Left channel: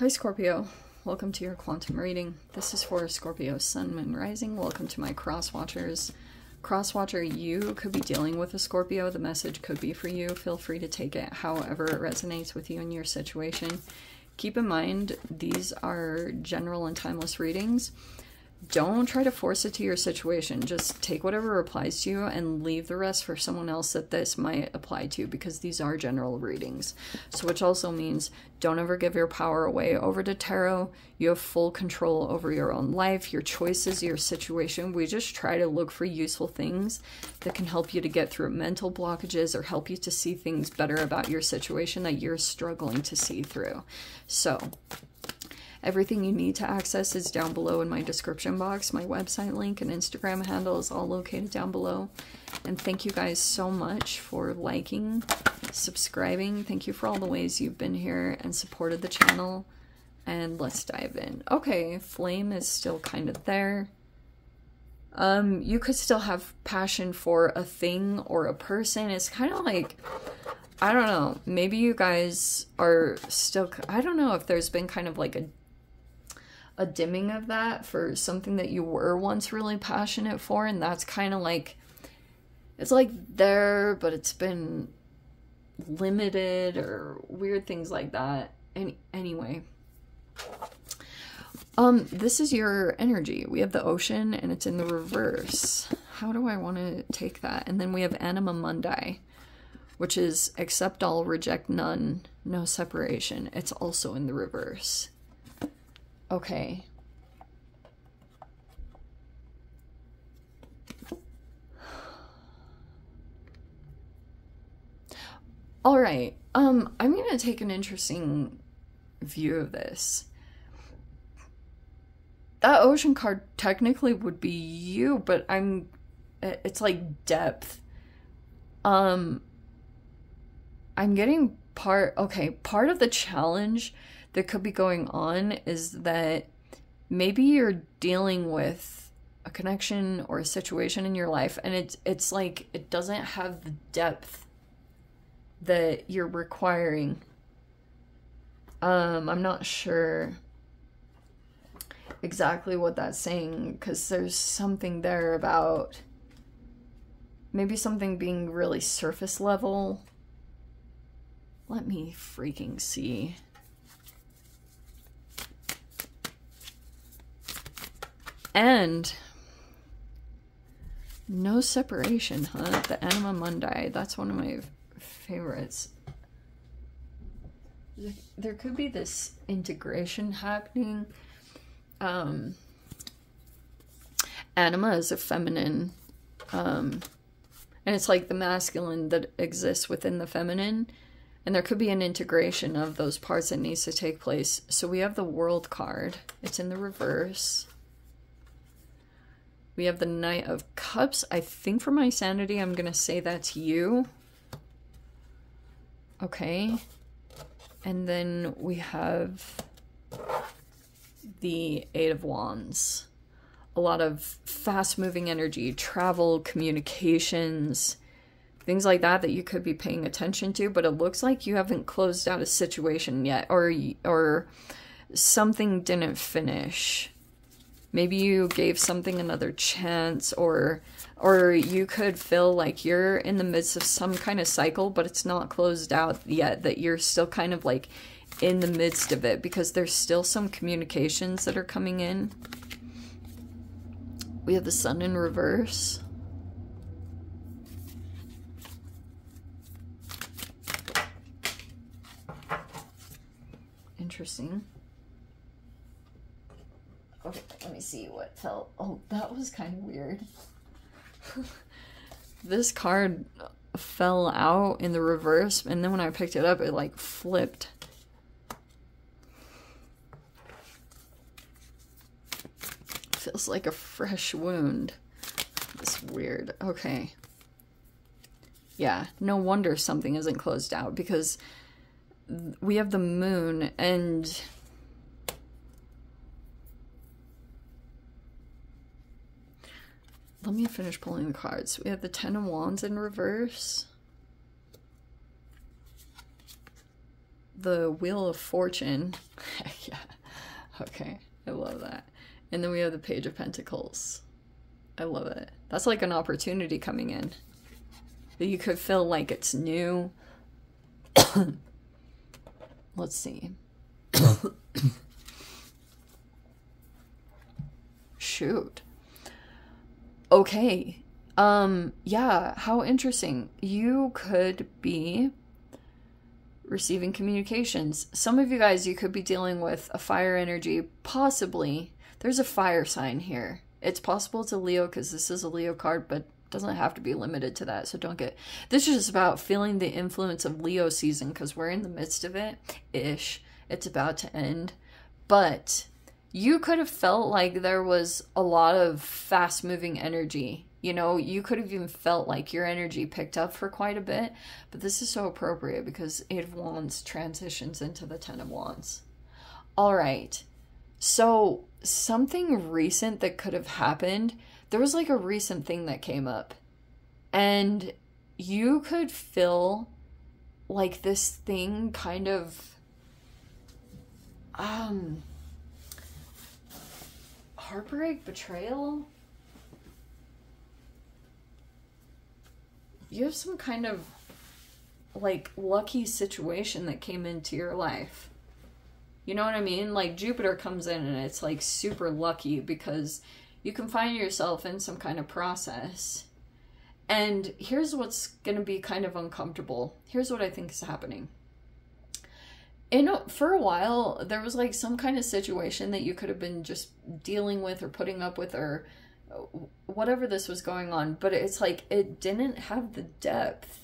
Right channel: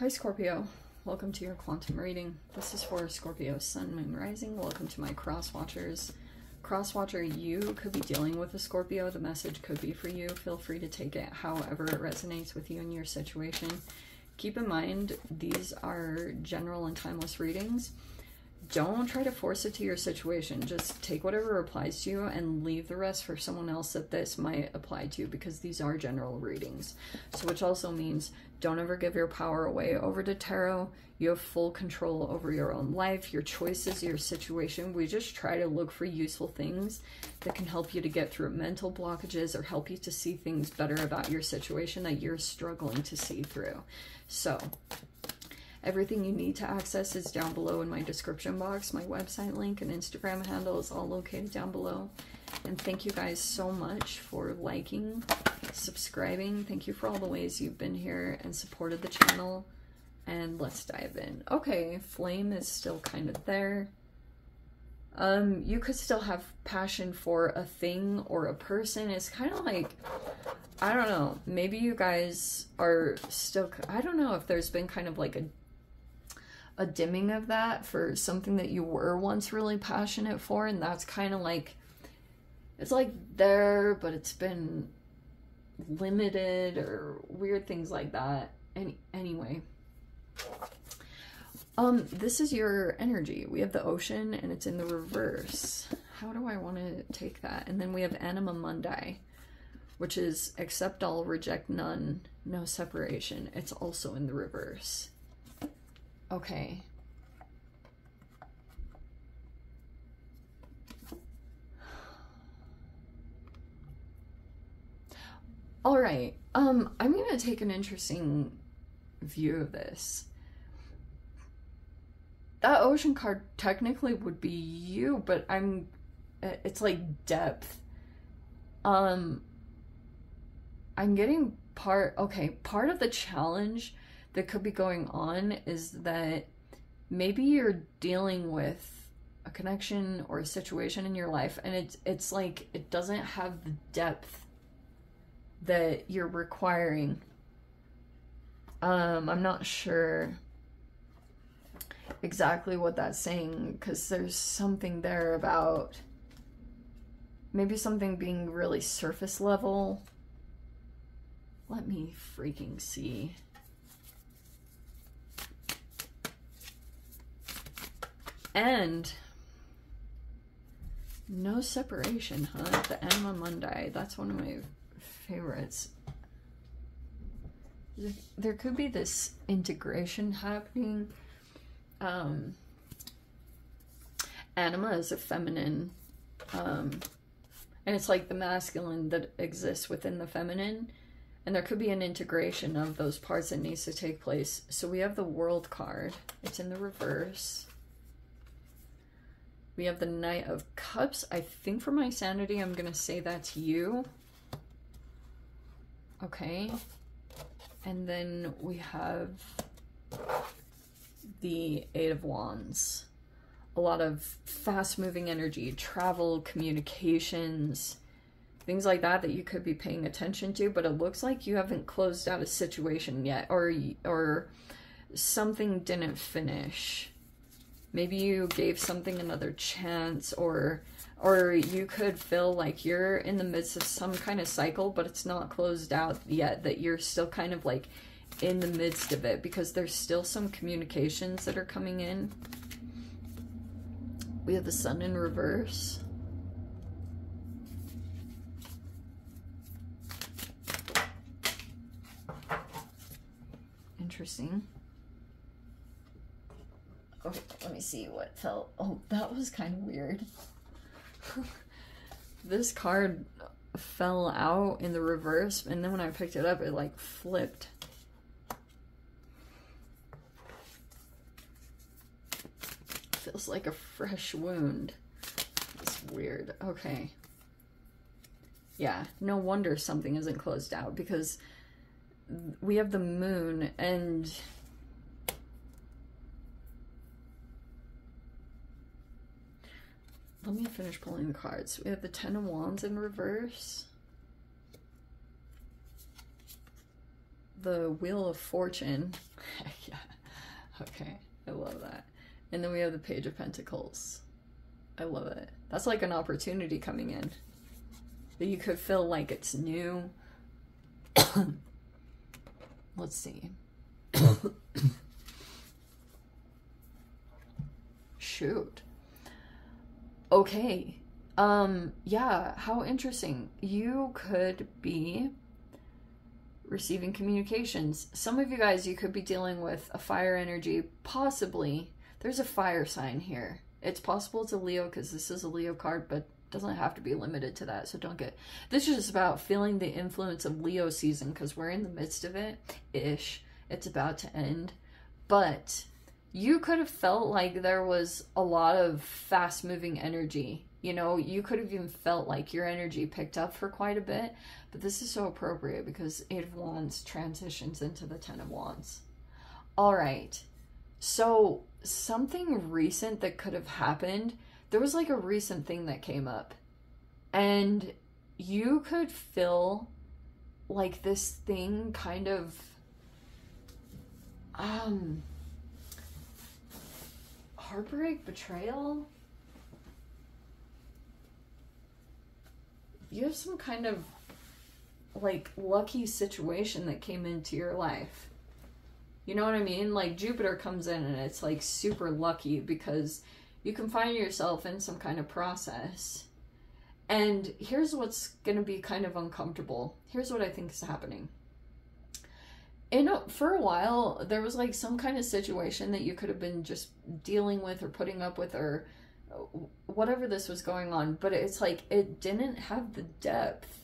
Hi Scorpio, welcome to your quantum reading. This is for Scorpio Sun, Moon, Rising. Welcome to my cross watchers. Cross watcher, you could be dealing with a Scorpio. The message could be for you. Feel free to take it however it resonates with you and your situation. Keep in mind, these are general and timeless readings. Don't try to force it to your situation. Just take whatever applies to you and leave the rest for someone else that this might apply to, because these are general readings. So which also means don't ever give your power away over to tarot. You have full control over your own life, your choices, your situation. We just try to look for useful things that can help you to get through mental blockages or help you to see things better about your situation that you're struggling to see through. So everything you need to access is down below in my description box. My website link and Instagram handle is all located down below. And thank you guys so much for liking, subscribing. Thank you for all the ways you've been here and supported the channel. And let's dive in. Okay, flame is still kind of there. You could still have passion for a thing or a person. It's kind of like, I don't know, maybe you guys are still, I don't know if there's been kind of like a dimming of that for something that you were once really passionate for, and that's kind of like, it's like there, but it's been limited or weird things like that. Anyway, this is your energy. We have the ocean and it's in the reverse. How do I want to take that? And then we have Anima Mundi, which is accept all, reject none, no separation. It's also in the reverse. Okay. All right. I'm going to take an interesting view of this. That ocean card technically would be you, but it's like depth. I'm getting part of the challenge that could be going on is that maybe you're dealing with a connection or a situation in your life, and it's like it doesn't have the depth that you're requiring. I'm not sure exactly what that's saying, because there's something there about maybe something being really surface level. Let me freaking see. And no separation, huh? The Anima Mundi, that's one of my favorites. There could be this integration happening. Anima is a feminine, and it's like the masculine that exists within the feminine, and there could be an integration of those parts that needs to take place. So we have the World card. It's in the reverse. We have the Knight of Cups. I think for my sanity, I'm going to say that's you. Okay. And then we have the Eight of Wands. A lot of fast-moving energy, travel, communications, things like that that you could be paying attention to, but it looks like you haven't closed out a situation yet, or something didn't finish. Maybe you gave something another chance, or you could feel like you're in the midst of some kind of cycle, but it's not closed out yet, that you're still kind of like in the midst of it, because there's still some communications that are coming in. We have the Sun in reverse. Interesting. Okay, let me see what fell. Oh, that was kind of weird. This card fell out in the reverse, and then when I picked it up, it like flipped. Feels like a fresh wound. It's weird. Okay. Yeah, no wonder something isn't closed out, because we have the Moon, and let me finish pulling the cards. We have the Ten of Wands in reverse. the Wheel of Fortune. Yeah. Okay. I love that. And then we have the Page of Pentacles. I love it. That's like an opportunity coming in. That you could feel like it's new. Let's see. Shoot. Okay. Yeah, how interesting. You could be receiving communications. Some of you guys, you could be dealing with a fire energy, possibly. There's a fire sign here. It's possible it's a Leo because this is a Leo card, but doesn't have to be limited to that. So don't get, this is just about feeling the influence of Leo season because we're in the midst of it-ish. It's about to end. But you could have felt like there was a lot of fast moving energy. You know, you could have even felt like your energy picked up for quite a bit, but this is so appropriate because Eight of Wands transitions into the Ten of Wands. All right. So something recent that could have happened, there was like a recent thing that came up and you could feel like this thing kind of, heartbreak, betrayal. You have some kind of like lucky situation that came into your life. You know what I mean? Like Jupiter comes in and it's like super lucky because you can find yourself in some kind of process. And here's what's going to be kind of uncomfortable. Here's what I think is happening. For a while, there was like some kind of situation that you could have been just dealing with or putting up with or whatever this was going on, but it's like it didn't have the depth.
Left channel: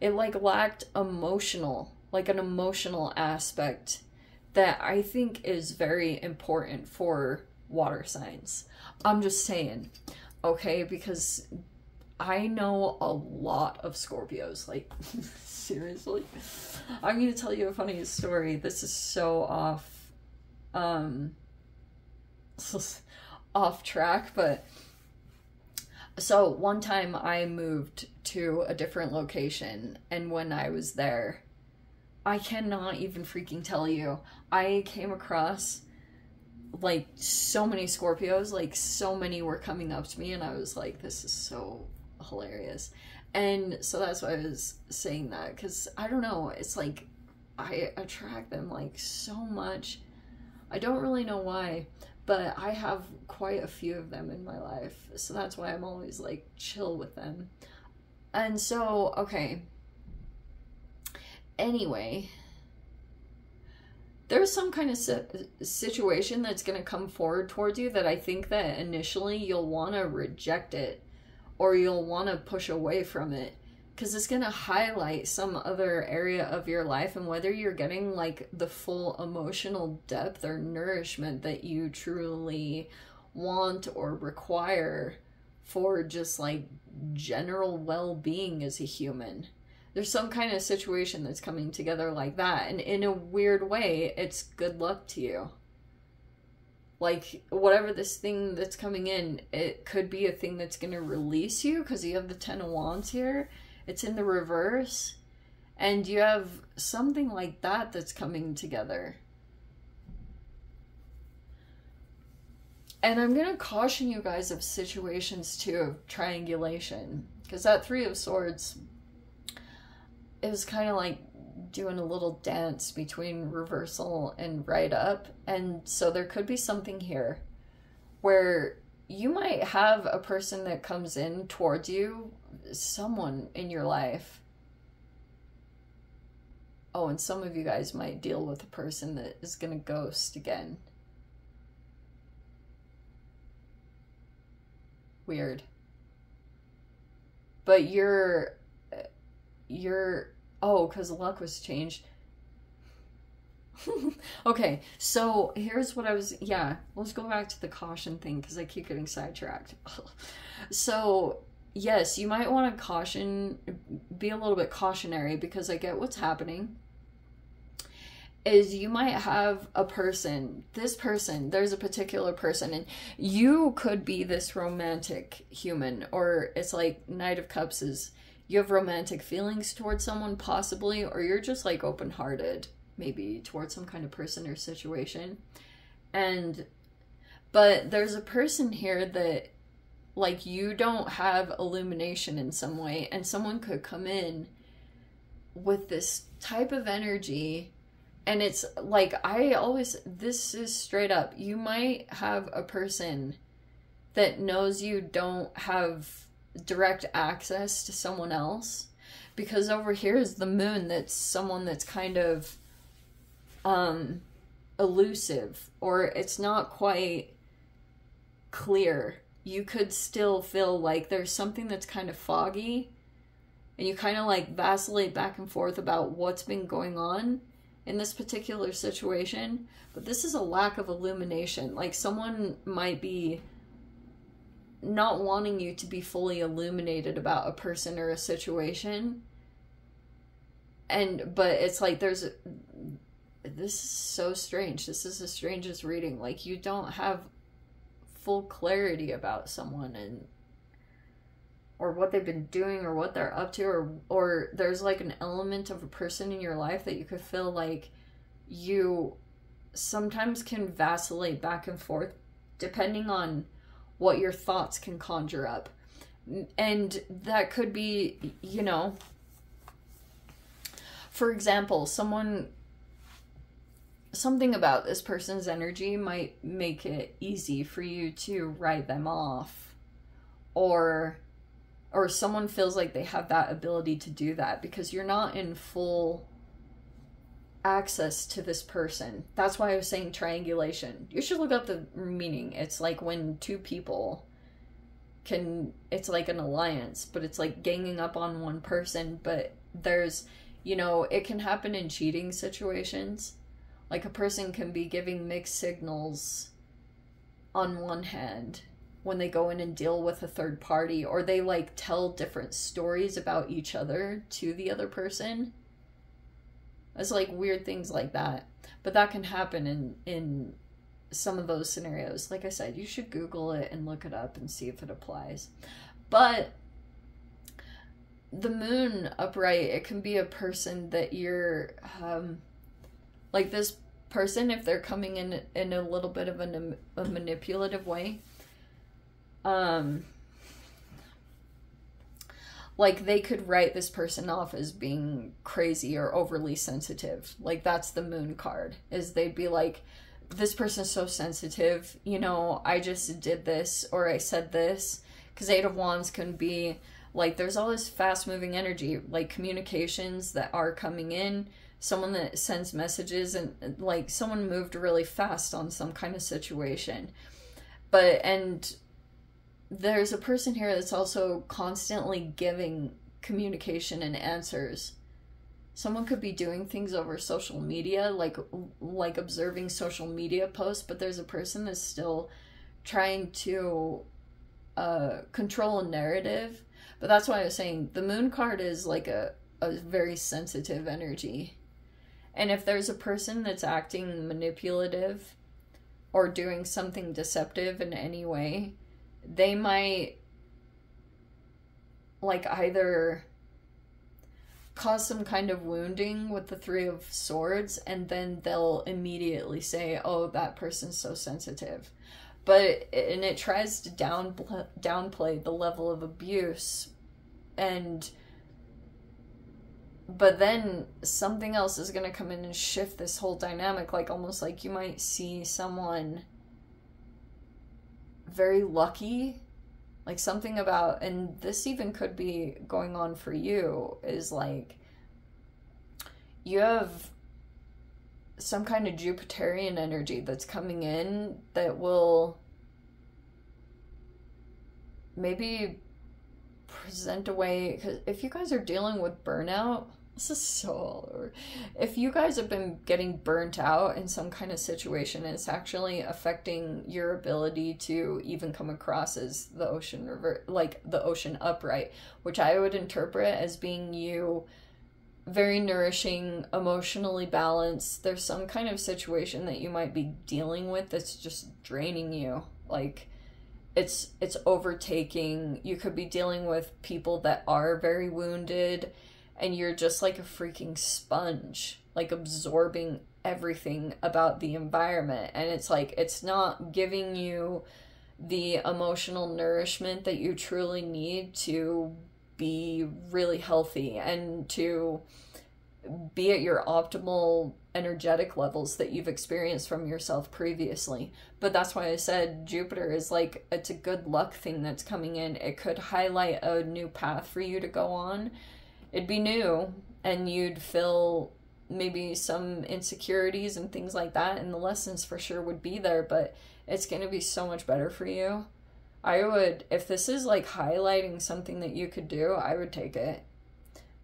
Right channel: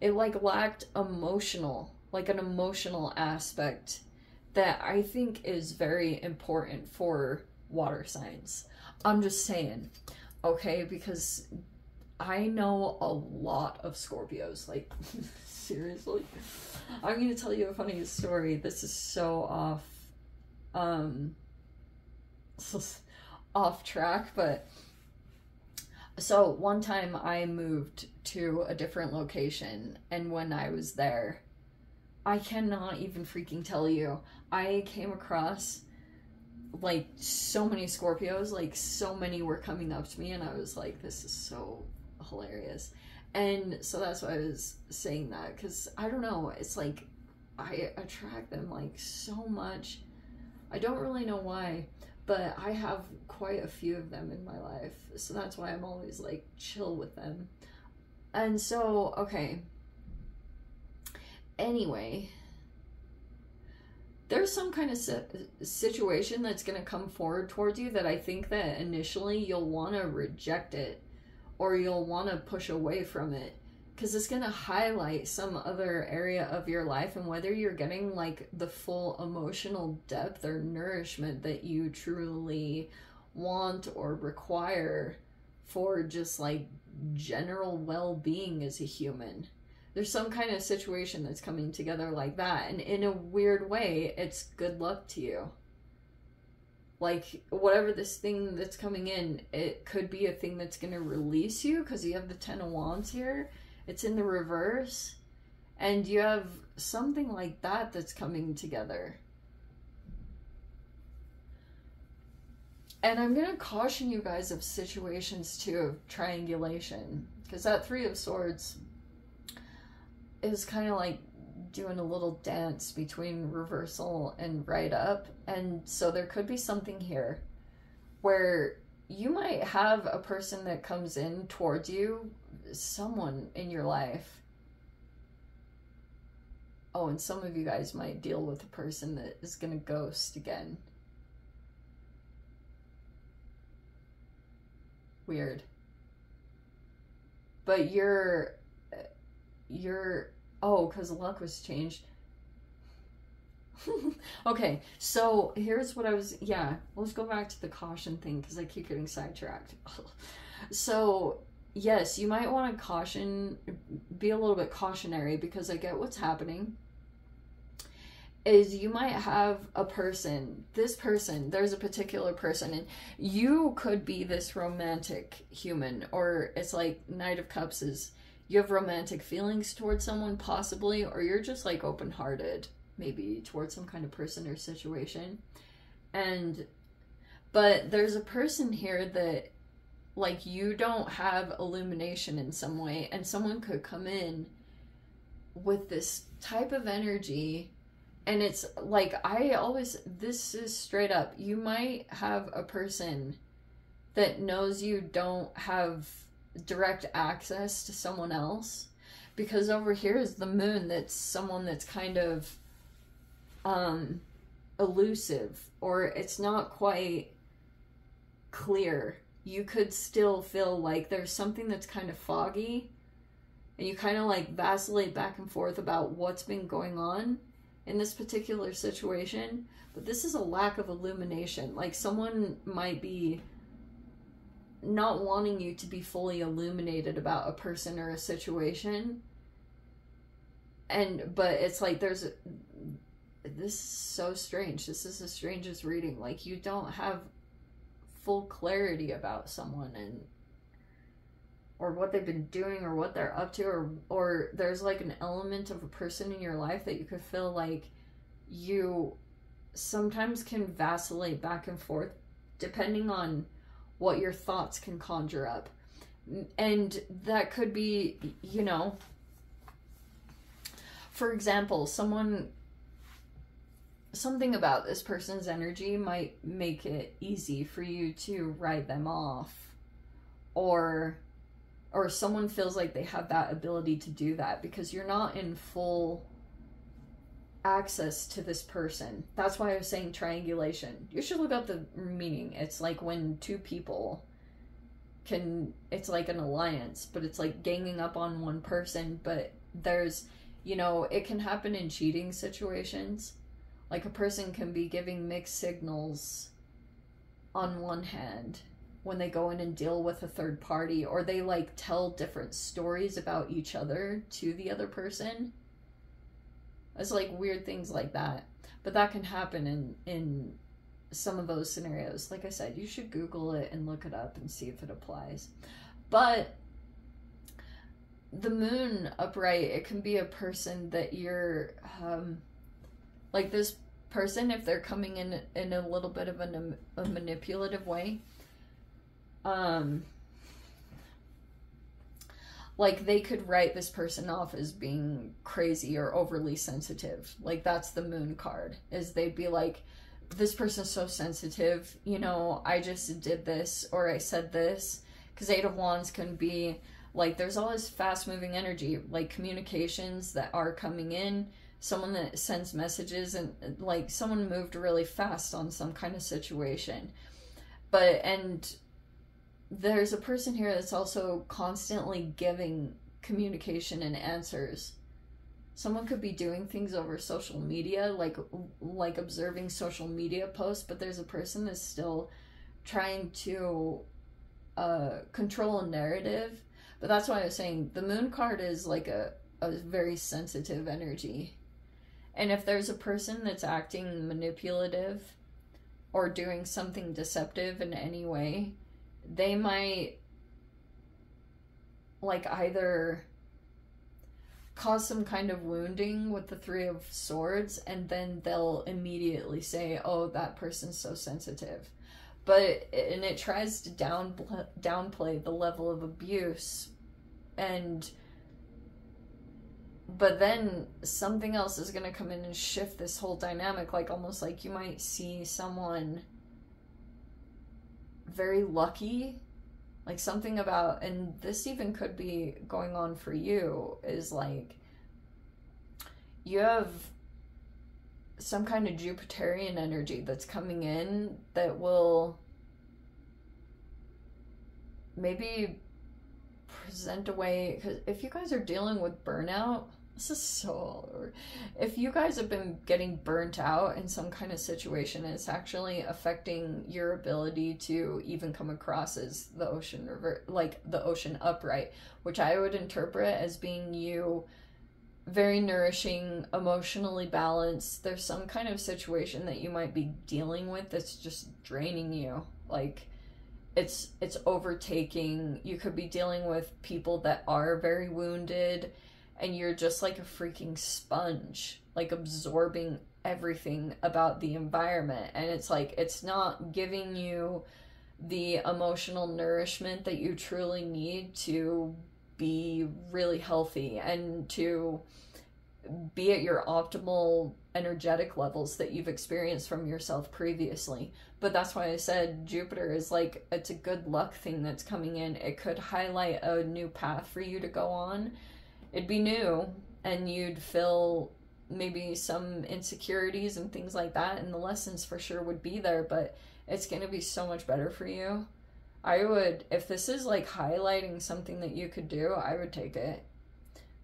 It like lacked like an emotional aspect that I think is very important for water signs. I'm just saying, okay, because I know a lot of Scorpios, like seriously. I'm going to tell you a funny story. This is so off track, but so one time I moved to a different location, and when I was there, I cannot even freaking tell you, I came across like so many Scorpios, like so many were coming up to me, and I was like, this is so hilarious. And so that's why I was saying that, because I don't know, it's like I attract them like so much. I don't really know why, but I have quite a few of them in my life, so that's why I'm always like chill with them. And so, okay, anyway, there's some kind of situation that's going to come forward towards you that I think that initially you'll want to reject it, or you'll want to push away from it, because it's going to highlight some other area of your life, and whether you're getting like the full emotional depth or nourishment that you truly want or require for just like general well-being as a human. There's some kind of situation that's coming together like that, and in a weird way, it's good luck to you. Like, whatever this thing that's coming in, it could be a thing that's going to release you, because you have the Ten of Wands here. It's in the reverse. And you have something like that that's coming together. And I'm going to caution you guys of situations, too, of triangulation. Because that Three of Swords is kind of like doing a little dance between reversal and right up. And so there could be something here where you might have a person that comes in towards you, someone in your life. Oh, and some of you guys might deal with a person that is going to ghost again. Weird. But you're oh, because luck was changed. Okay, so here's what I was, yeah, let's go back to the caution thing, because I keep getting sidetracked. So, yes, you might want to be a little bit cautionary, because I get what's happening. Is you might have a person, there's a particular person, and you could be this romantic human, or it's like Knight of Cups is, you have romantic feelings towards someone possibly, or you're just like open-hearted. maybe towards some kind of person or situation. But there's a person here that, like, you don't have illumination in some way, and someone could come in with this type of energy, and it's like, this is straight up, you might have a person that knows you don't have direct access to someone else, because over here is the moon, that's someone that's kind of elusive, or it's not quite clear. You could still feel like there's something that's kind of foggy, and you kind of like vacillate back and forth about what's been going on in this particular situation. But this is a lack of illumination. Like, someone might be not wanting you to be fully illuminated about a person or a situation. But it's like this is so strange. This is the strangest reading. Like, you don't have full clarity about someone or what they've been doing or what they're up to, or there's like an element of a person in your life that you could feel like you sometimes can vacillate back and forth depending on what your thoughts can conjure up. And that could be, you know, for example, something about this person's energy might make it easy for you to write them off, or someone feels like they have that ability to do that because you're not in full access to this person. That's why I was saying triangulation. You should look up the meaning. It's like when two people it's like an alliance, but it's like ganging up on one person. But there's, you know, it can happen in cheating situations. Like, a person can be giving mixed signals on one hand when they go in and deal with a third party, or they like tell different stories about each other to the other person. It's like weird things like that. But that can happen in some of those scenarios. Like I said, you should Google it and look it up and see if it applies. But the moon upright, it can be a person that you're like, this person, if they're coming in a little bit of a manipulative way, like, they could write this person off as being crazy or overly sensitive. Like, that's the moon card, is they'd be like, this person's so sensitive, you know, I just did this, or I said this. Because Eight of Wands can be like, there's all this fast moving energy, like communications that are coming in, someone that sends messages, and like someone moved really fast on some kind of situation. And there's a person here that's also constantly giving communication and answers. Someone could be doing things over social media, like observing social media posts, but there's a person that's still trying to control a narrative. But that's why I was saying the moon card is like a very sensitive energy. And if there's a person that's acting manipulative or doing something deceptive in any way, they might like either cause some kind of wounding with the Three of Swords, and then they'll immediately say, oh, that person's so sensitive. And it tries to downplay the level of abuse, but then something else is going to come in and shift this whole dynamic. Like, almost like you might see someone very lucky, like something about, and this even could be going on for you, is like you have some kind of Jupiterian energy that's coming in that will maybe present a way, because if you guys are dealing with burnout, this is so, if you guys have been getting burnt out in some kind of situation, it's actually affecting your ability to even come across as the ocean river, like the ocean upright, which I would interpret as being you very nourishing, emotionally balanced. There's some kind of situation that you might be dealing with that's just draining you. Like, it's overtaking. You could be dealing with people that are very wounded, and you're just like a freaking sponge. like absorbing everything about the environment, and it's like it's not giving you the emotional nourishment that you truly need to be really healthy and to be at your optimal energetic levels that you've experienced from yourself previously. But that's why I said Jupiter is like, it's a good luck thing that's coming in. It could highlight a new path for you to go on. It'd be new, and you'd feel maybe some insecurities and things like that, and the lessons for sure would be there, but it's going to be so much better for you. I would, if this is like highlighting something that you could do, I would take it.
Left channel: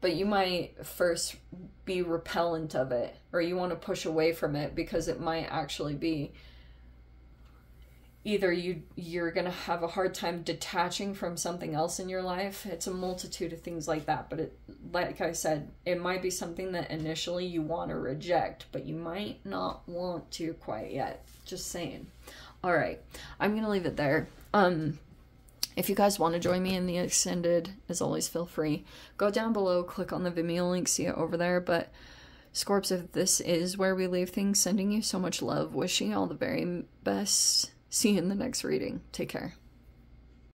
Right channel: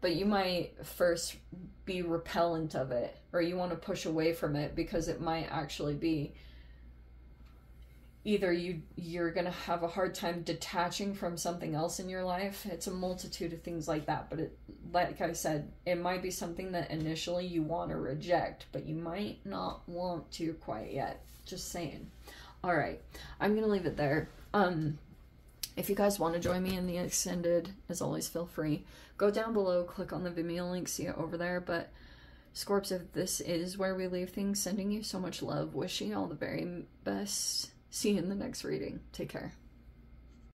But you might first be repellent of it, or you want to push away from it, because it might actually be either you're going to have a hard time detaching from something else in your life. It's a multitude of things like that, but it, like I said, it might be something that initially you want to reject, but you might not want to quite yet. Just saying. All right, I'm going to leave it there. If you guys want to join me in the extended, as always, feel free. Go down below, click on the Vimeo link, see it over there. But Scorps, if this is where we leave things, sending you so much love, wishing you all the very best. See you in the next reading. Take care.